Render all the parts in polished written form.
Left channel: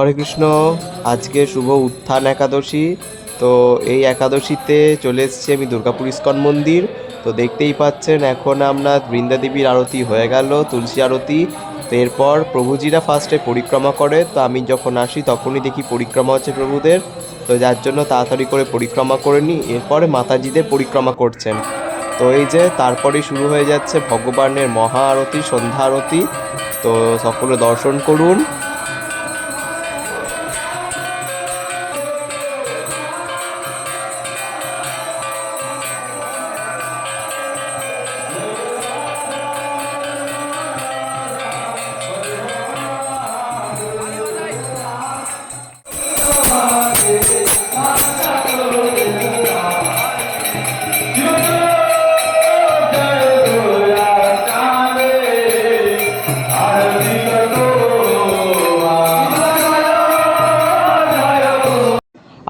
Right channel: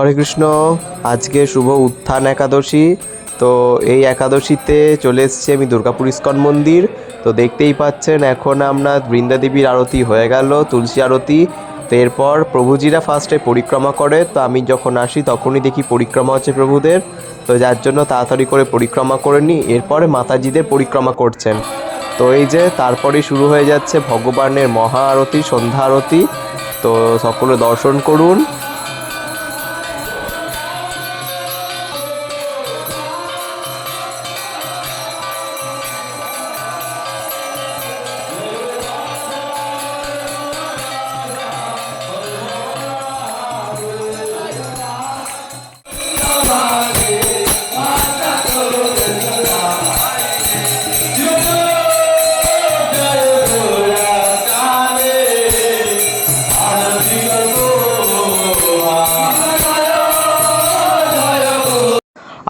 হরে কৃষ্ণ। আজকে শুভ উত্থান একাদশী। তো এই একাদশীতে চলে এসেছি আমি দুর্গাপুর ইস্কন মন্দির। তো দেখতেই পাচ্ছেন এখন আমরা বৃন্দাদেবীর আরতি হয়ে গেল, তুলসী আরতি। তো এরপর প্রভুজিরা ফার্স্টে পরিক্রমা করে, তো আমি যখন আসি তখনই দেখি পরিক্রমা হচ্ছে প্রভুদের। তো যার জন্য তাড়াতাড়ি করে পরিক্রমা করে নিই, এরপরে মাতাজিদের পরিক্রমা করছেন। তো এই যে তারপরেই শুরু হয়ে যাচ্ছে ভগবানের মহা আরতি, সন্ধ্যা আরতি। তো সকলে দর্শন করুন।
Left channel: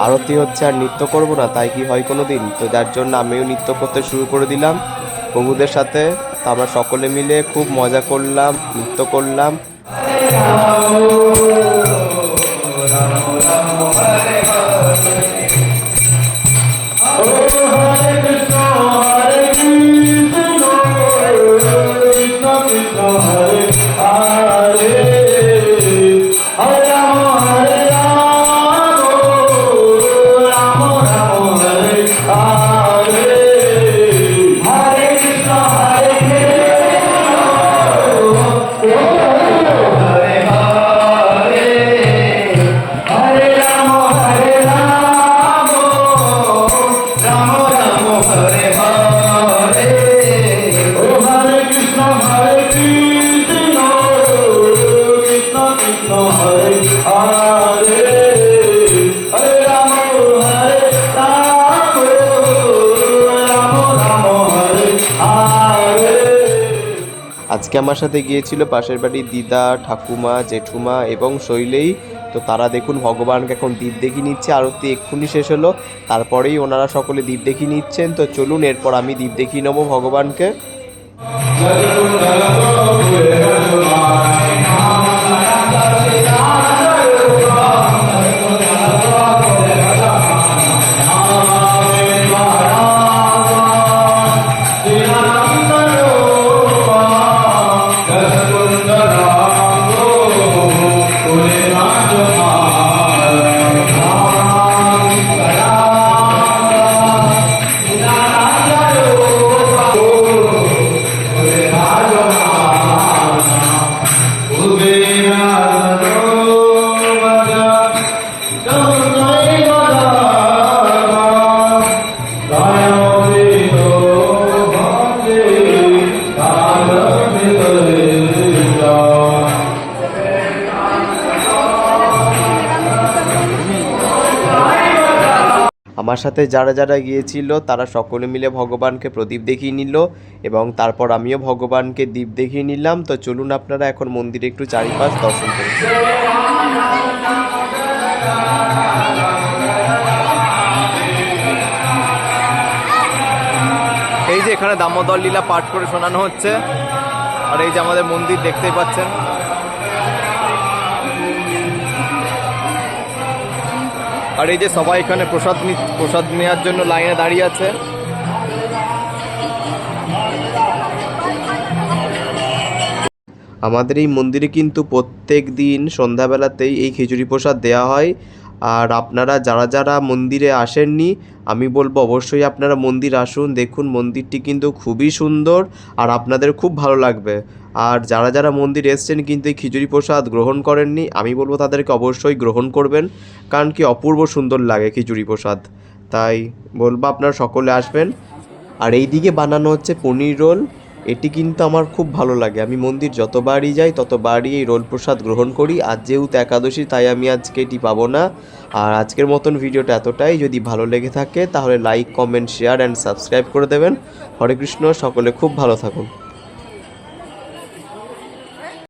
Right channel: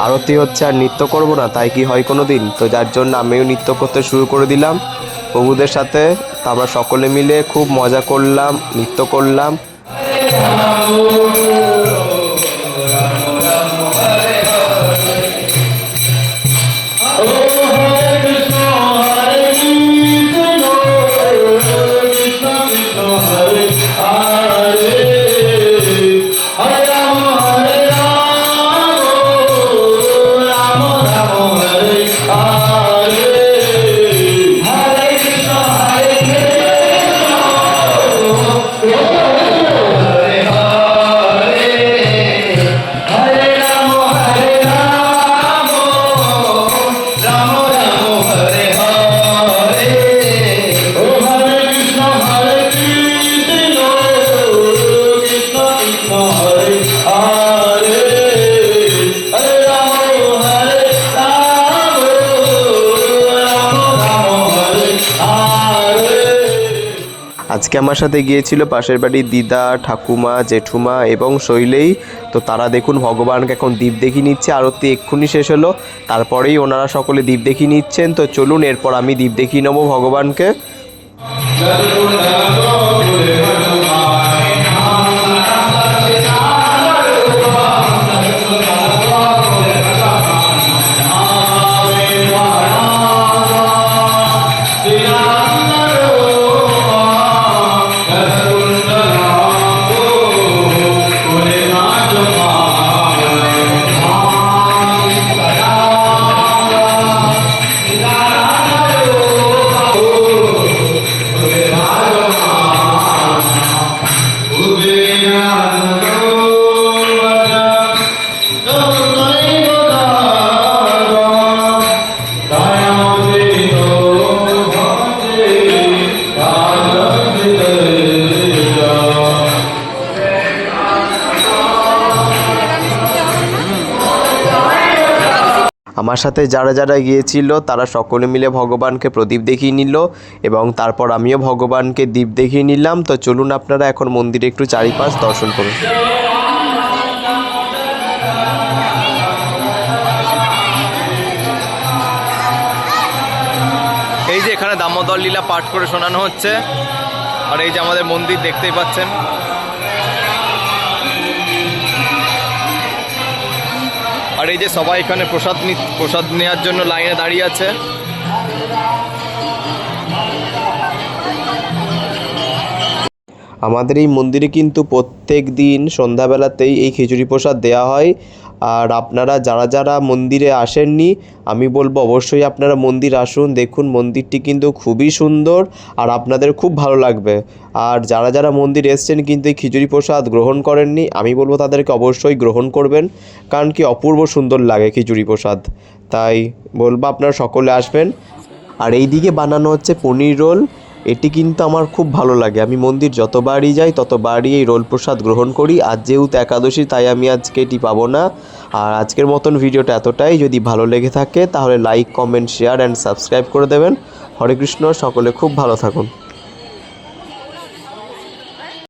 আরতি হচ্ছে আর নৃত্য করব না তাই কি হয় কোনো দিন? তো যার জন্য আমিও নৃত্য করতে শুরু করে দিলাম প্রভুদের সাথে। তো আমরা সকলে মিলে খুব মজা করলাম, নৃত্য করলাম। আজকে আমার সাথে গিয়েছিল পাশের বাড়ির দিদা, ঠাকুমা, জেঠুমা এবং শৈলেই। তো তারা দেখুন ভগবানকে এখন দীপ দেখিয়ে নিচ্ছে। আরতি এক্ষুনি শেষ হলো, তারপরেই ওনারা সকলে দীপ দেখিয়ে নিচ্ছেন। তো চলুন এরপর আমি দীপ দেখিয়ে নেবো ভগবানকে। আমার সাথে যারা যারা গিয়েছিল তারা সকলে মিলে ভগবানকে প্রদীপ দেখিয়ে নিল এবং তারপর আমিও ভগবানকে দীপ দেখিয়ে নিলাম। তো চলুন আপনারা এখন মন্দিরে একটু চারিপাশ দর্শন করুন। এই যে এখানে দামোদর লীলা পাঠ করে শোনানো হচ্ছে, আর এই যে আমাদের মন্দির দেখতেই পাচ্ছেন। আর এই যে সবাই এখানে প্রসাদ নেওয়ার জন্য লাইনে দাঁড়িয়ে আছে। আমাদের এই মন্দিরে কিন্তু প্রত্যেক দিন সন্ধ্যাবেলাতেই এই খিচুড়ি প্রসাদ দেওয়া হয়। আর আপনারা যারা যারা মন্দিরে আসেননি, আমি বলবো অবশ্যই আপনারা মন্দির আসুন। দেখুন মন্দিরটি কিন্তু খুবই সুন্দর আর আপনাদের খুব ভালো লাগবে। আর যারা যারা মন্দির এসছেন কিন্তু এই খিচুড়ি প্রসাদ গ্রহণ করেননি, আমি বলবো তাদেরকে অবশ্যই গ্রহণ করবেন, কারণ কি অপূর্ব সুন্দর লাগে খিচুড়ি প্রসাদ। তাই বলবো আপনারা সকলে আসবেন। আর এই দিকে বানানো হচ্ছে পনির রোল। এটি কিন্তু আমার খুব ভালো লাগে। আমি মন্দির যতবারই যাই ততবারই এই রোল প্রসাদ গ্রহণ করি। আজ যেহেতু একাদশী তাই আমি আজকে এটি পাবো না। আর আজকের মতন ভিডিওটা এতটাই। যদি ভালো লেগে থাকে তাহলে like, comment, share and subscribe করে দেবেন। হরে কৃষ্ণ, সকলে খুব ভালো থাকুন।